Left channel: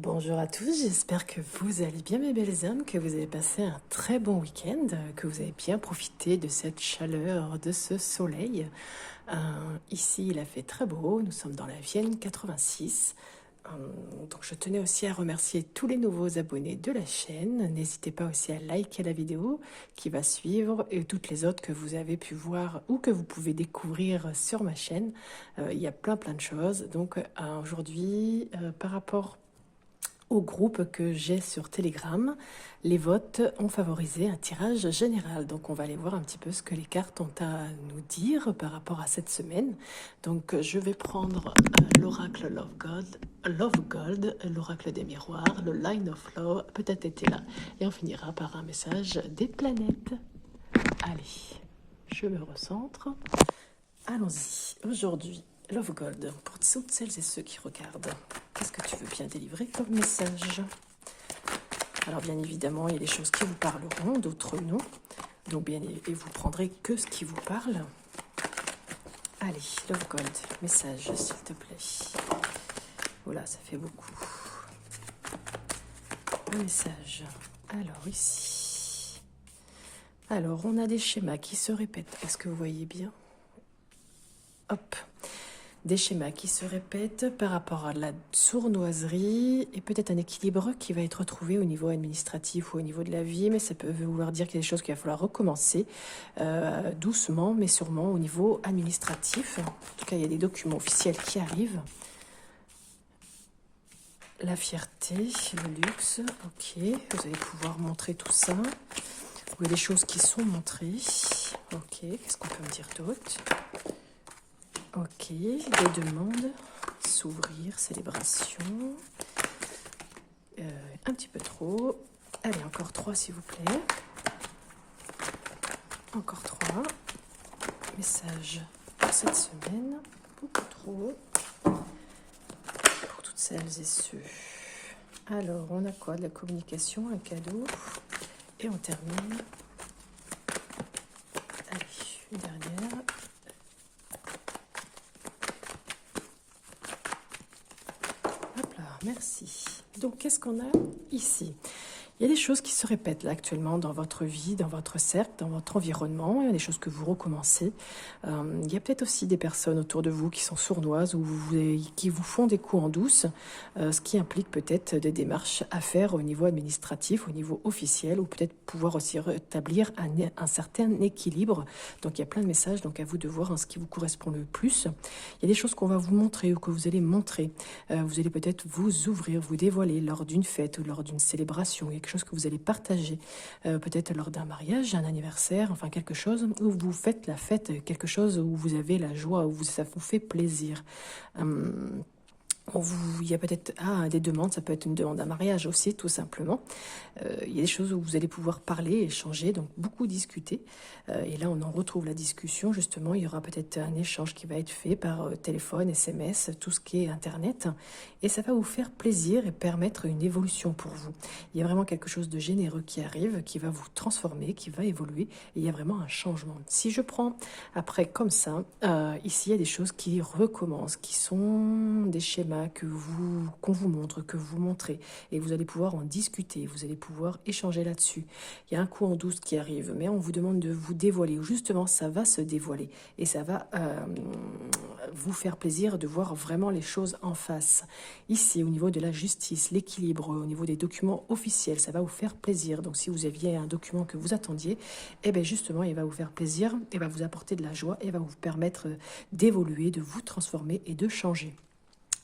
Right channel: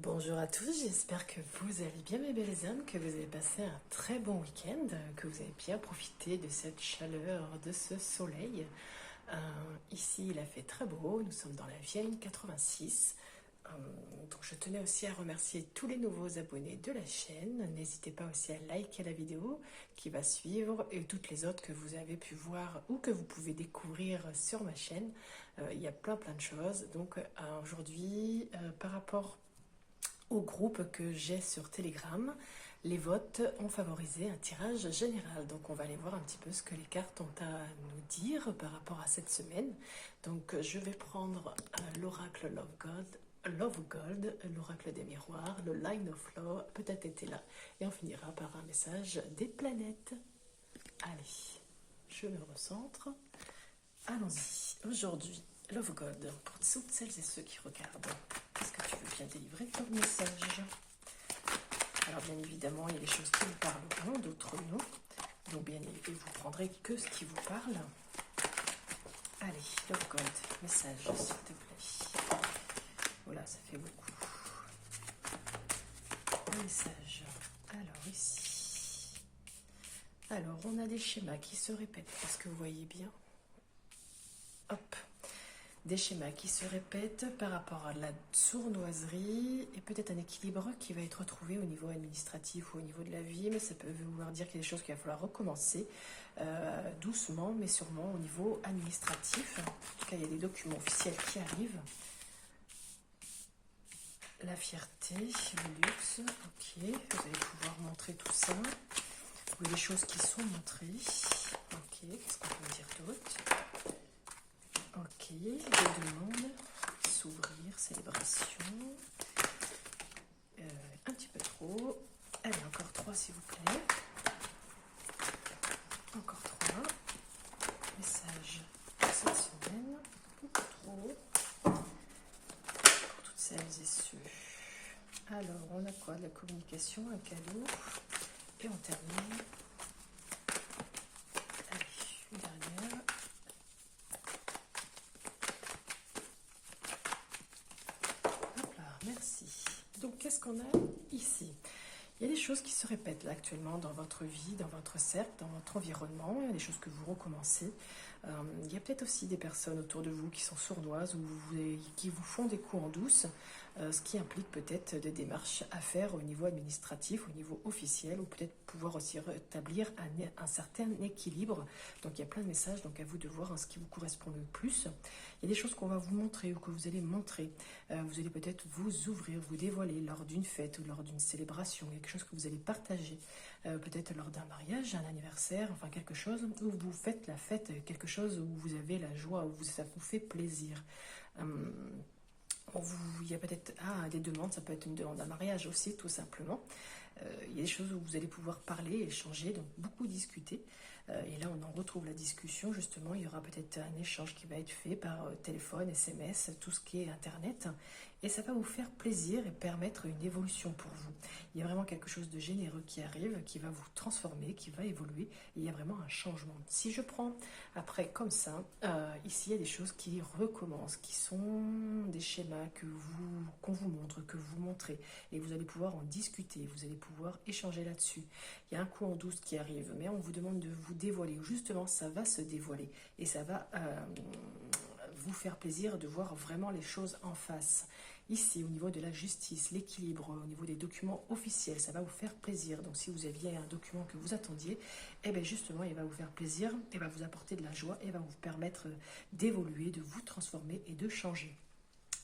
Bonjour à tous, j'espère que vous allez bien mes belles âmes, que vous avez passé un très bon week-end, que vous avez bien profité de cette chaleur, de ce soleil. Ici il a fait très beau, nous sommes dans la Vienne 86. Donc je tenais aussi à remercier tous les nouveaux abonnés de la chaîne. N'hésitez pas aussi à liker la vidéo qui va suivre et toutes les autres que vous avez pu voir ou que vous pouvez découvrir sur ma chaîne. Il y a plein de choses. Donc aujourd'hui, par rapport au groupe que j'ai sur Telegram, les votes ont favorisé un tirage général. Donc on va aller voir un petit peu ce que les cartes ont à nous dire par rapport à cette semaine. Donc je vais prendre l'oracle Love Gold, l'oracle des miroirs, le Line of Love, peut-être était là. Et on finira par un message des planètes. Allez, je me recentre. Allons-y. Aujourd'hui, Love Gold, pour toutes celles et ceux qui regardent, qu'est-ce que tu veux bien délivrer comme message? Alors bien évidemment, il y a des choses qui vous parleront, d'autres non. Donc bien et vous prendrez que ce qui vous parle. Allez, Love Gold, message s'il te plaît. Voilà, ça fait beaucoup. Le message. Alors ici. Alors on a des schémas qui se répètent. Est-ce que vous voyez bien? Hop. Des schémas qui se répètent par rapport à la sournoiserie et peut-être un équilibre qui va être trouvé au niveau administratif ou au niveau de la vie, mais ça peut vouloir dire qu'il y a des choses qu'il va falloir recommencer doucement, mais sûrement au niveau administratif. En tout cas, il y a des documents officiels qui arrivent. La fierté, le luxe, ok, vous allez pouvoir montrer tout ça. Il y a des choses qui sont montrées. Ok, qu'est-ce qu'on peut me dire d'autre? Ok, des demandes, s'ouvrir, célébration, un petit peu trop. Allez, encore 3 s'il vous plaît. Encore 3. Message pour cette semaine, beaucoup trop. Pour toutes celles et ceux. Alors, on a quoi? De la communication, un cadeau. Et on termine. Allez, une dernière. Merci. Donc, qu'est-ce qu'on a ici? Il y a des choses qui se répètent là actuellement dans votre vie, dans votre cercle, dans votre environnement. Il y a des choses que vous recommencez. Il y a peut-être aussi des personnes autour de vous qui sont sournoises ou qui vous font des coups en douce, ce qui implique peut-être des démarches à faire au niveau administratif, au niveau officiel, ou peut-être pouvoir aussi rétablir un certain équilibre. Donc il y a plein de messages, donc à vous de voir ce qui vous correspond le plus. Il y a des choses qu'on va vous montrer ou que vous allez montrer. Vous allez peut-être vous ouvrir, vous dévoiler lors d'une fête ou lors d'une célébration. Il y a quelque chose que vous allez partager, peut-être lors d'un mariage, un anniversaire, enfin quelque chose où vous faites la fête, quelque chose où vous avez la joie, où ça vous fait plaisir. Il y a peut-être des demandes, ça peut être une demande d'un mariage aussi, tout simplement. Il y a des choses où vous allez pouvoir parler, échanger, donc beaucoup discuter. Et là, on en retrouve la discussion, justement. Il y aura peut-être un échange qui va être fait par téléphone, SMS, tout ce qui est Internet. Et ça va vous faire plaisir et permettre une évolution pour vous. Il y a vraiment quelque chose de généreux qui arrive, qui va vous transformer, qui va évoluer. Et il y a vraiment un changement. Si je prends après comme ça, ici, il y a des choses qui recommencent, qui sont des schémas qu'on vous montre, que vous montrez. Et vous allez pouvoir en discuter, vous allez pouvoir échanger là-dessus. Il y a un coup en douce qui arrive, mais on vous demande de vous dévoiler, ou justement ça va se dévoiler, et ça va vous faire plaisir de voir vraiment les choses en face. Ici, au niveau de la justice, l'équilibre, au niveau des documents officiels, ça va vous faire plaisir. Donc si vous aviez un document que vous attendiez, eh bien justement, il va vous faire plaisir, et va vous apporter de la joie, et va vous permettre d'évoluer, de vous transformer et de changer.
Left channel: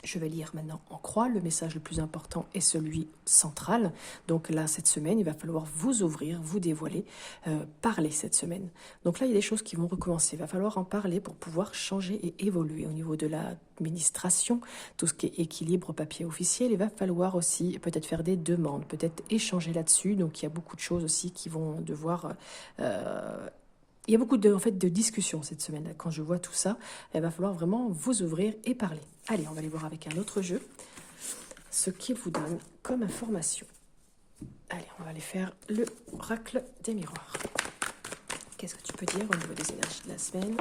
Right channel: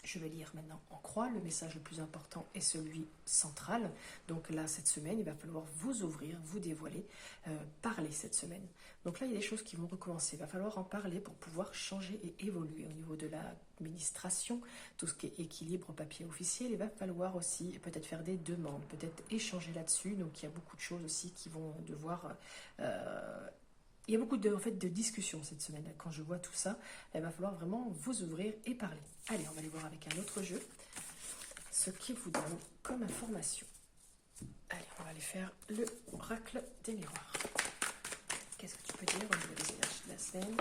Je vais lire maintenant en croix. Le message le plus important est celui central. Donc là, cette semaine, il va falloir vous ouvrir, vous dévoiler, parler cette semaine. Donc là, il y a des choses qui vont recommencer. Il va falloir en parler pour pouvoir changer et évoluer au niveau de l'administration, tout ce qui est équilibre, papier officiel. Il va falloir aussi peut-être faire des demandes, peut-être échanger là-dessus. Donc il y a beaucoup de choses aussi qui vont devoir... il y a beaucoup de discussions cette semaine. Quand je vois tout ça, il va falloir vraiment vous ouvrir et parler. Allez, on va aller voir avec un autre jeu ce qu'il vous donne comme information. Allez, on va aller faire le oracle des miroirs. Qu'est-ce que tu peux dire au niveau des énergies de la semaine?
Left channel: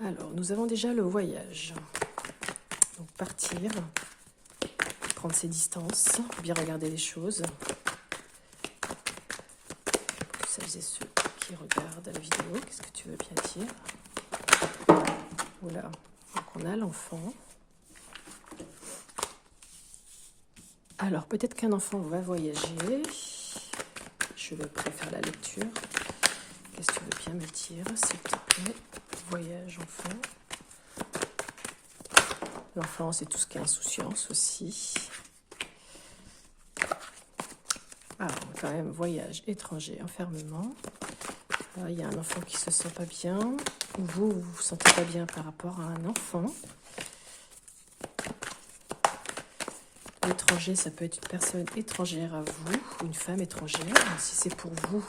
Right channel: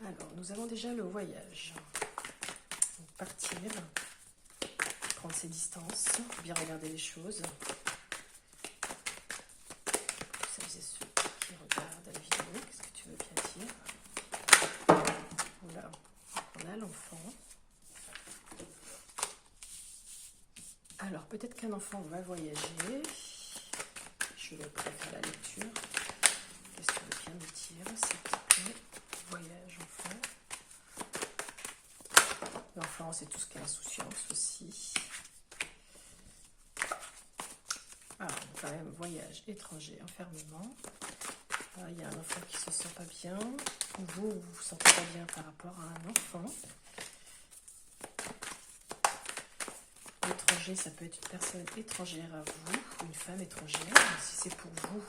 Alors, nous avons déjà le voyage. Donc, partir, prendre ses distances, bien regarder les choses. Pour celles et ceux qui regardent la vidéo, qu'est-ce que tu veux bien dire? Voilà, donc on a l'enfant. Alors, peut-être qu'un enfant va voyager. Je vais préférer la lecture. Qu'est-ce que tu veux bien me dire, s'il te plaît? Voyage, enfant. L'enfant, c'est tout ce qui est insouciance aussi. Alors, quand même, voyage, étranger, enfermement. Là, il y a un enfant qui se sent pas bien. Vous vous sentez pas bien par rapport à un enfant. L'étranger, ça peut être une personne étrangère à vous, une femme étrangère. Si c'est pour vous,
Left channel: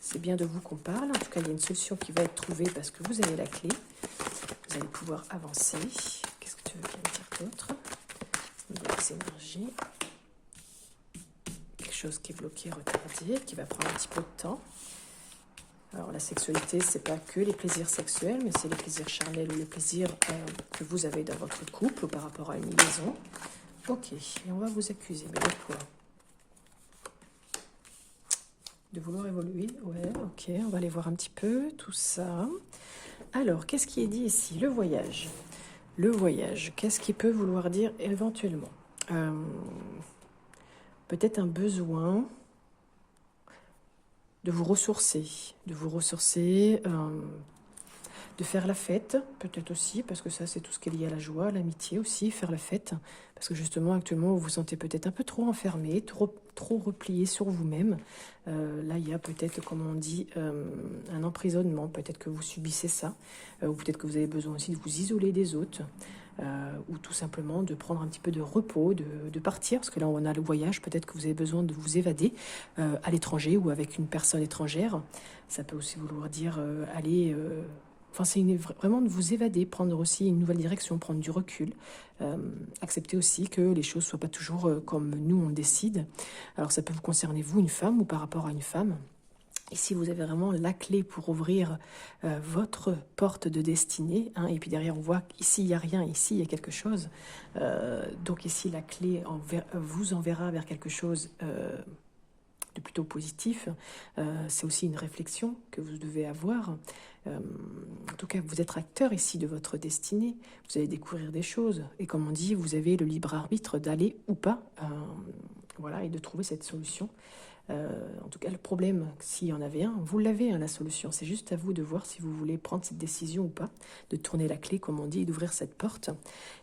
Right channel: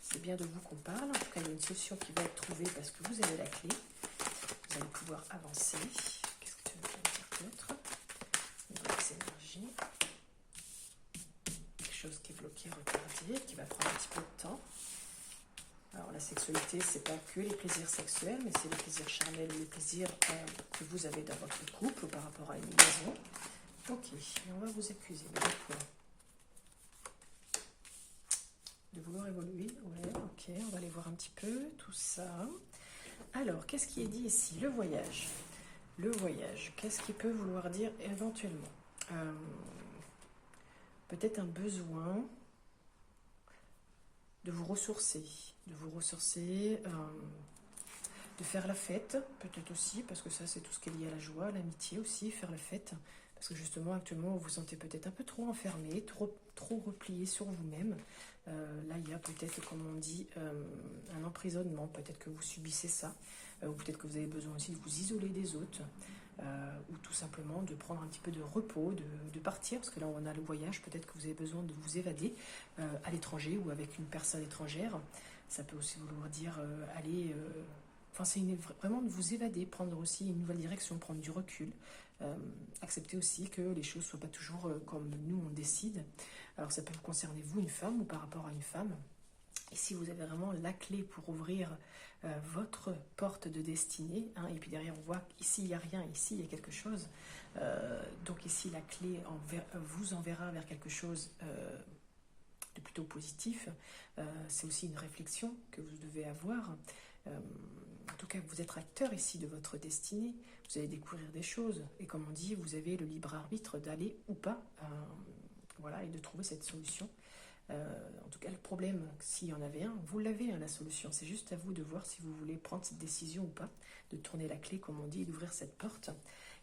c'est bien de vous qu'on parle. En tout cas, il y a une solution qui va être trouvée parce que vous avez la clé. Vous allez pouvoir avancer. Qu'est-ce que tu veux bien dire d'autre? Nouvelles énergies. Quelque chose qui est bloqué, retardé, qui va prendre un petit peu de temps. Alors, la sexualité, c'est pas que les plaisirs sexuels, mais c'est les plaisirs charnels ou les plaisirs que vous avez dans votre couple ou par rapport à une liaison. Ok, et on va vous accuser, mais de quoi? De vouloir évoluer? Ouais, ok, on va aller voir un petit peu tout ça. Alors, qu'est-ce qui est dit ici? Le voyage. Le voyage, qu'est-ce qui peut vouloir dire éventuellement? Peut-être un besoin de vous ressourcer, de faire la fête, peut-être aussi, parce que ça, c'est tout ce qui est lié à la joie, à l'amitié aussi, faire la fête. Parce que justement, actuellement, vous vous sentez peut-être un peu trop enfermé, trop replié sur vous-même. Là, il y a peut-être, comme on dit, un emprisonnement. Peut-être que vous subissez ça. Ou peut-être que vous avez besoin aussi de vous isoler des autres. Ou tout simplement de prendre un petit peu de repos, de partir. Parce que là, on a le voyage. Peut-être que vous avez besoin de vous évader à l'étranger ou avec une personne étrangère. Ça peut aussi vouloir dire aller... Enfin, c'est vraiment de vous évader, prendre aussi une nouvelle direction, prendre du recul. Accepter aussi que les choses ne soient pas toujours comme nous on décide. Alors ça peut vous concerner vous, une femme, ou par rapport à une femme. Ici, vous avez vraiment la clé pour ouvrir votre porte de destinée. Hein, et puis derrière, on voit qu'ici, il n'y a rien. Ici, il y a quelque chose. Donc ici, la clé vous enverra vers quelque chose de plutôt positif. C'est aussi une réflexion que vous devez avoir. En tout cas, vous êtes acteur ici de votre destinée. Vous allez découvrir des choses. Et comme on dit, vous avez le libre arbitre d'aller ou pas. Voilà, et de trouver cette solution. En tout cas, le problème, s'il y en avait un, vous l'avez, hein, la solution. C'est juste à vous de voir si vous voulez prendre cette décision ou pas, de tourner la clé, comme on dit, et d'ouvrir cette porte.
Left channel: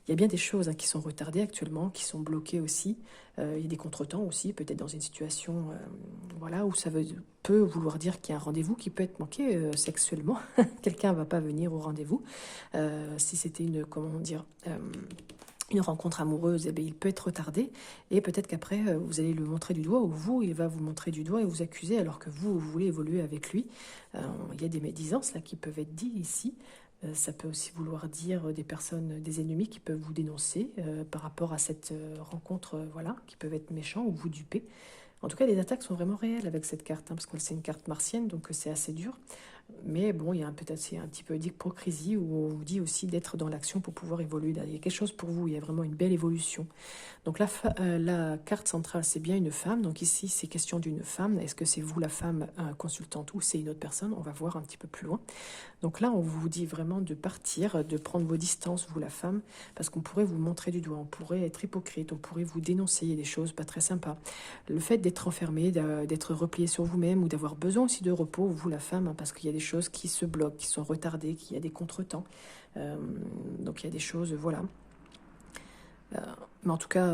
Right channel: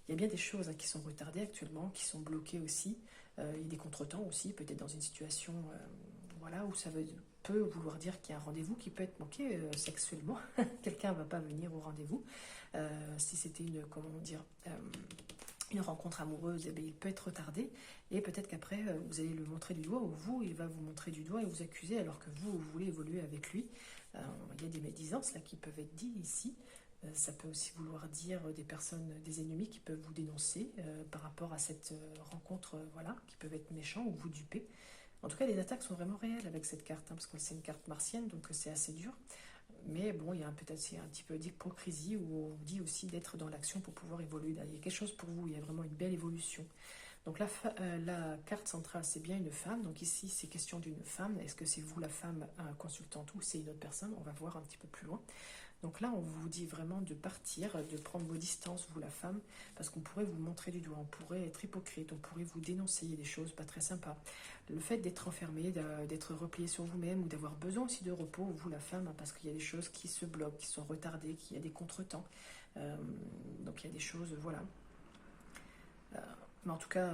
Il y a bien des choses qui sont retardées actuellement, qui sont bloquées aussi. Il y a des contretemps aussi, peut-être dans une situation voilà, où ça peut vouloir dire qu'il y a un rendez-vous qui peut être manqué sexuellement. Quelqu'un ne va pas venir au rendez-vous. Si c'était une rencontre amoureuse, eh bien, il peut être retardé. Et peut-être qu'après, vous allez le montrer du doigt, ou vous, il va vous montrer du doigt et vous accuser, alors que vous voulez évoluer avec lui. Il y a des médisances là, qui peuvent être dites ici. Ça peut aussi vouloir dire des personnes, des ennemis qui peuvent vous dénoncer par rapport à cette rencontre, voilà, qui peuvent être méchants ou vous duper. En tout cas, les attaques sont vraiment réelles avec cette carte, hein, parce que c'est une carte martienne, donc c'est assez dur. Mais bon, il y a peut-être un petit peu d'hypocrisie où on vous dit aussi d'être dans l'action pour pouvoir évoluer. Il y a quelque chose pour vous, il y a vraiment une belle évolution. Donc la carte centrale, c'est bien une femme. Donc ici, c'est question d'une femme. Est-ce que c'est vous la femme consultante ou c'est une autre personne? On va voir un petit peu plus loin. Donc là, on vous dit vraiment de partir, de prendre vos distances, vous la femme, parce qu'on pourrait vous montrer du doigt, on pourrait être hypocrite, on pourrait vous dénoncer des choses pas très sympas. Le fait d'être enfermé, d'être replié sur vous-même ou d'avoir besoin aussi de repos, vous la femme, hein, parce qu'il y a des choses qui se bloquent, qui sont retardées, qu'il y a des contretemps. Donc il y a des choses, voilà. Mais en tout cas,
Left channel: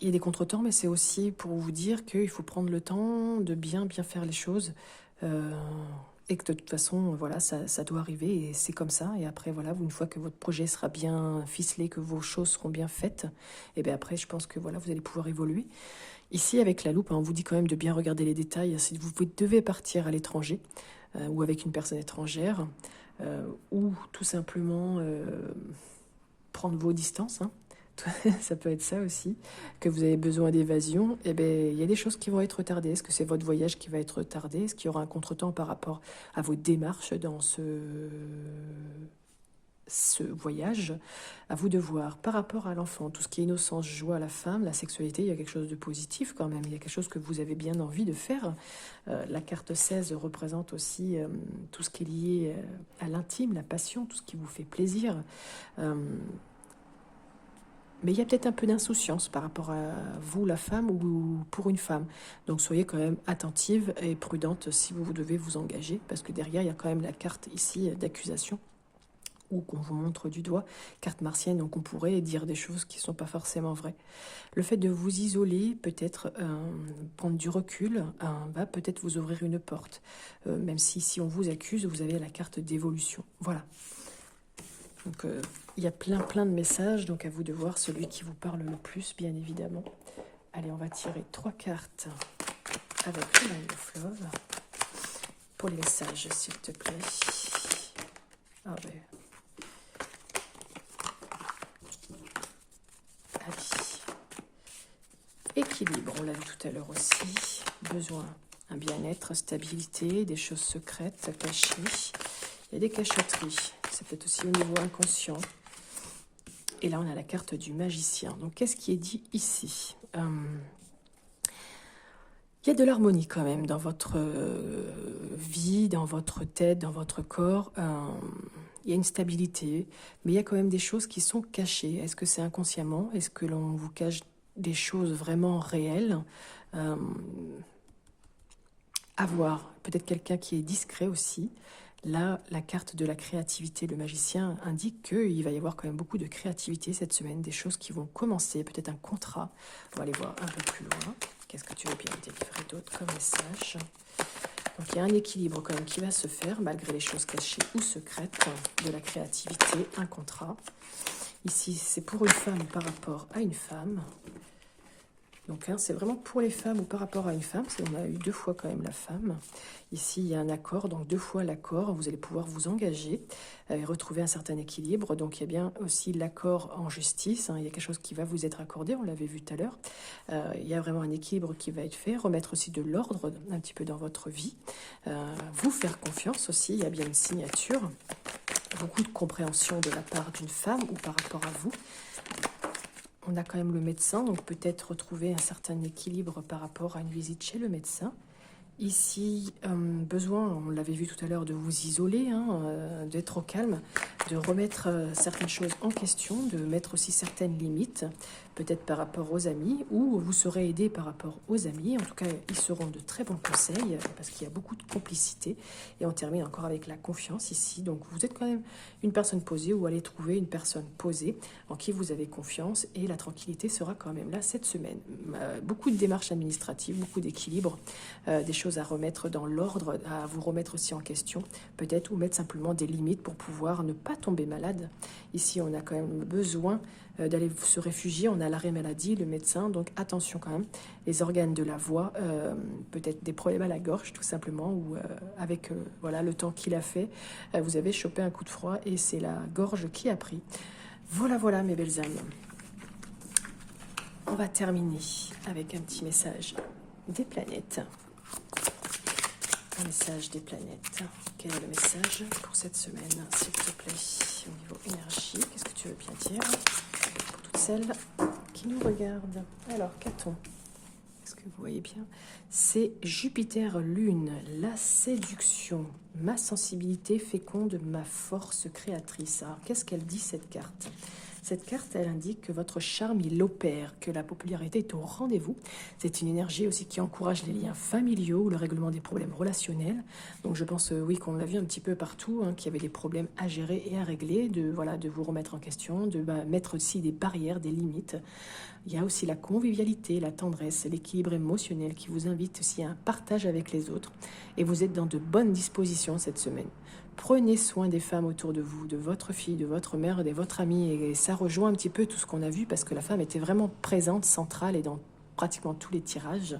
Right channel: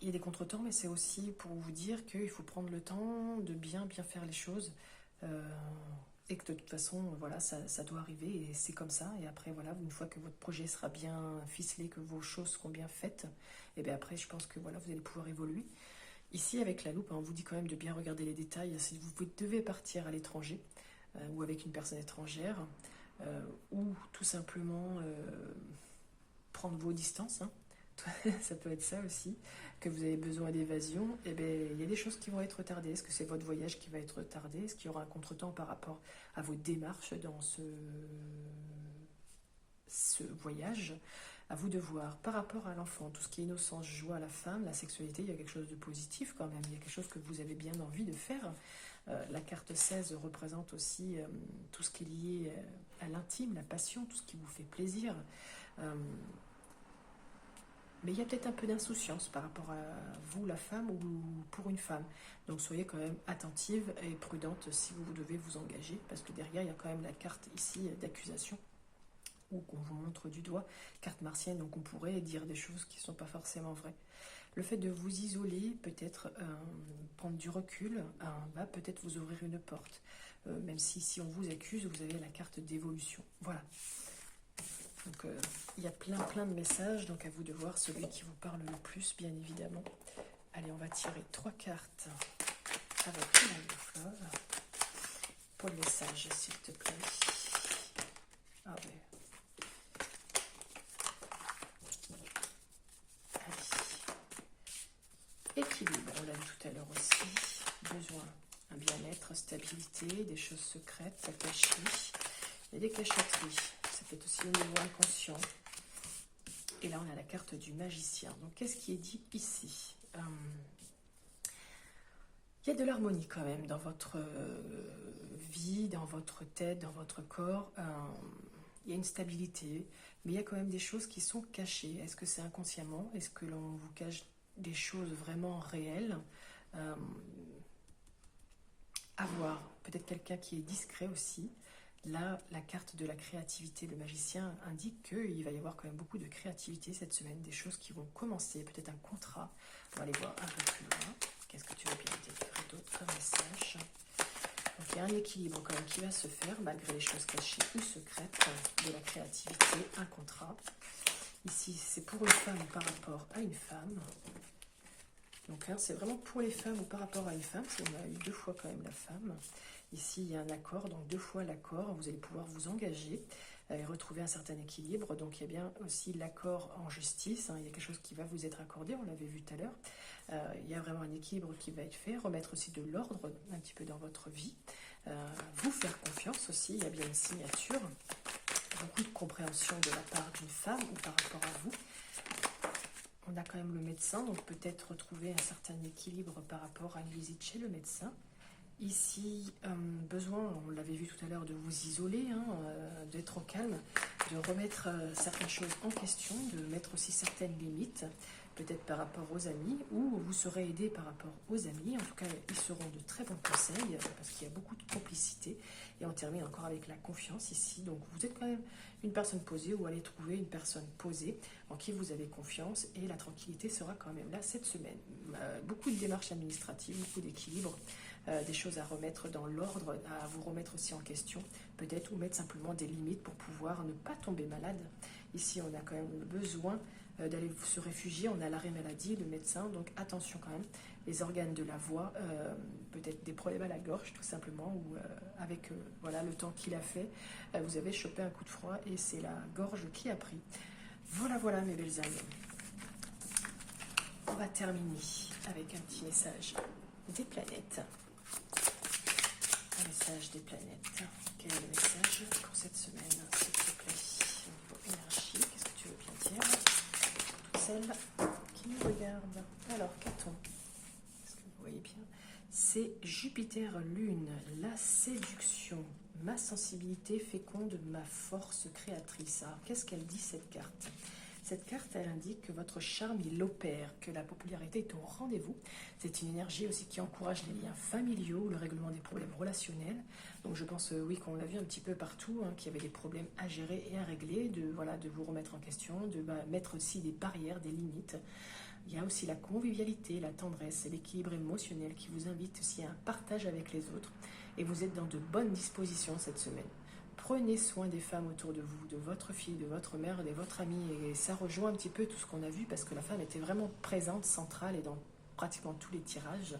il y a des contretemps, mais c'est aussi pour vous dire qu'il faut prendre le temps de bien faire les choses. Et que de toute façon, voilà, ça doit arriver et c'est comme ça. Et après, voilà, une fois que votre projet sera bien ficelé, que vos choses seront bien faites, et bien après, je pense que voilà, vous allez pouvoir évoluer. Ici, avec la loupe, hein, on vous dit quand même de bien regarder les détails. Si vous devez partir à l'étranger ou avec une personne étrangère, ou tout simplement prendre vos distances, hein. Ça peut être ça aussi, que vous avez besoin d'évasion, eh bien, il y a des choses qui vont être retardées. Est-ce que c'est votre voyage qui va être retardé? Est-ce qu'il y aura un contretemps par rapport à vos démarches dans ce voyage. À vous de voir. Par rapport à l'enfant, tout ce qui est innocence, joie, la femme, la sexualité, il y a quelque chose de positif quand même. Il y a quelque chose que vous avez bien envie de faire. La carte 16 représente aussi tout ce qui est lié à l'intime, la passion, tout ce qui vous fait plaisir. Mais il y a peut-être un peu d'insouciance par rapport à vous, la femme, ou pour une femme. Donc soyez quand même attentive et prudente si vous devez vous engager, parce que derrière, il y a quand même la carte ici d'accusation, ou qu'on vous montre du doigt, carte martienne, donc on pourrait dire des choses qui ne sont pas forcément vraies. Le fait de vous isoler, peut-être prendre du recul, va peut-être vous ouvrir une porte. Même si on vous accuse, vous avez la carte d'évolution. Voilà. Donc il y a plein de messages, donc à vous de voir celui qui vous parle le plus, bien évidemment. Allez, on va tirer 3 cartes avec le Nine of Love. Pour les messages, s'il te plaît. Ah ouais. Équilibre, on l'a vu tout à l'heure aussi. Besoin, un bien-être, stabilité, des choses secrètes, cachées. Il y a des cachotteries. C'est peut-être aussi au niveau inconscient. Et là, on a la carte du magicien. Donc, qu'est-ce qui est dit ici? Il y a de l'harmonie quand même dans votre vie, dans votre tête, dans votre corps. Il y a une stabilité, mais il y a quand même des choses qui sont cachées. Est-ce que c'est inconsciemment? Est-ce que l'on vous cache des choses vraiment réelles? À voir. Peut-être quelqu'un qui est discret aussi. Là, la carte de la créativité, le magicien, indique qu'il va y avoir quand même beaucoup de créativité cette semaine, des choses qui vont commencer, peut-être un contrat. On va aller voir un peu plus loin. Qu'est-ce que tu veux bien délivrer d'autre comme message? Donc il y a un équilibre quand même qui va se faire, malgré les choses cachées ou secrètes, de la créativité, un contrat. Ici, c'est pour une femme par rapport à une femme. Donc c'est vraiment pour les femmes ou par rapport à une femme, parce qu'on a eu 2 fois quand même la femme. Ici, il y a un accord, donc 2 fois l'accord. Vous allez pouvoir vous engager et retrouver un certain équilibre. Donc il y a bien aussi l'accord en justice. Il y a quelque chose qui va vous être accordé, on l'avait vu tout à l'heure. Il y a vraiment un équilibre qui va être fait. Remettre aussi de l'ordre un petit peu dans votre vie. Vous faire confiance aussi, il y a bien une signature. Beaucoup de compréhension de la part d'une femme ou par rapport à vous. On a quand même le médecin, donc peut-être retrouver un certain équilibre par rapport à une visite chez le médecin. Ici, besoin, on l'avait vu tout à l'heure, de vous isoler, d'être au calme, de remettre certaines choses en question, de mettre aussi certaines limites, peut-être par rapport aux amis, ou vous serez aidé par rapport aux amis. En tout cas, ils seront de très bons conseils, parce qu'il y a beaucoup de complicité. Et on termine encore avec la confiance ici. Donc vous êtes quand même une personne posée, ou allez trouver une personne posée en qui vous avez confiance, et la tranquillité sera quand même là cette semaine. Beaucoup de démarches administratives, beaucoup d'équilibre, des choses à remettre dans l'ordre, à vous remettre aussi en question, peut-être, ou mettre simplement des limites pour pouvoir ne pas tomber malade. Ici, on a quand même besoin d'aller se réfugier, on a l'arrêt maladie, le médecin, donc attention quand même, les organes de la voix, peut-être des problèmes à la gorge tout simplement, ou avec voilà, le temps qu'il a fait, vous avez chopé un coup de froid et c'est la gorge qui a pris. Voilà mes belles âmes. On va terminer avec un petit message des planètes. Un message des planètes. Quel est le message pour cette semaine, s'il te plaît, au niveau énergie? Qu'est-ce que tu veux bien dire pour toutes celles qui nous regardent? Alors, qu'a-t-on? Est-ce que vous voyez bien? C'est Jupiter Lune, la séduction, ma sensibilité féconde, ma force créatrice. Alors, qu'est-ce qu'elle dit cette carte? Cette carte, elle indique que votre charme, il opère, que la popularité est au rendez-vous. C'est une énergie aussi qui encourage les liens familiaux, le règlement des problèmes relationnels. Donc je pense, oui, qu'on l'a vu un petit peu partout, qu'il y avait des problèmes à gérer et à régler, de vous remettre en question, de mettre aussi des barrières, des limites. Il y a aussi la convivialité, la tendresse, l'équilibre émotionnel qui vous invite aussi à un partage avec les autres. Et vous êtes dans de bonnes dispositions cette semaine. Prenez soin des femmes autour de vous, de votre fille, de votre mère, de votre amie. Et ça rejoint un petit peu tout ce qu'on a vu, parce que la femme était vraiment présente, centrale et dans pratiquement tous les tirages.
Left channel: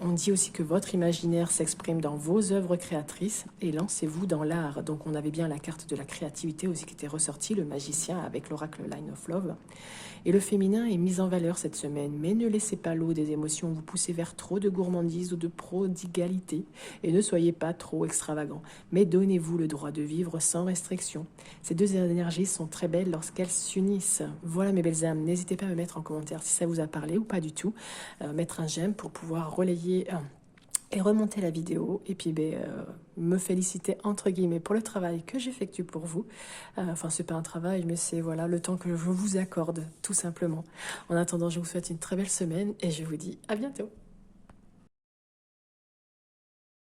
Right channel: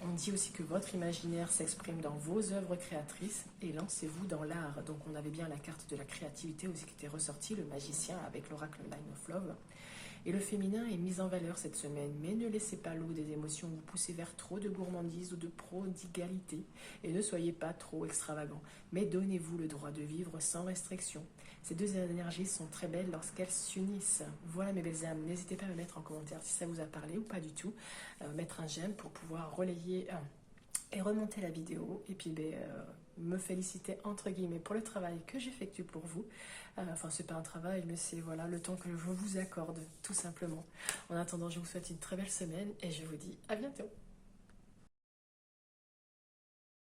On dit aussi que votre imaginaire s'exprime dans vos œuvres créatrices et lancez-vous dans l'art. Donc on avait bien la carte de la créativité aussi qui était ressortie, le magicien avec l'oracle Line of Love. Et le féminin est mis en valeur cette semaine, mais ne laissez pas l'eau des émotions vous pousser vers trop de gourmandise ou de prodigalité. Et ne soyez pas trop extravagant, mais donnez-vous le droit de vivre sans restriction. Ces deux énergies sont très belles lorsqu'elles s'unissent. Voilà mes belles âmes, n'hésitez pas à me mettre en commentaire si ça vous a parlé ou pas du tout. Mettre un j'aime pour pouvoir relayer et remonter la vidéo et puis me féliciter entre guillemets pour le travail que j'effectue pour vous. Enfin c'est pas un travail mais c'est voilà le temps que je vous accorde tout simplement. En attendant je vous souhaite une très belle semaine et je vous dis à bientôt.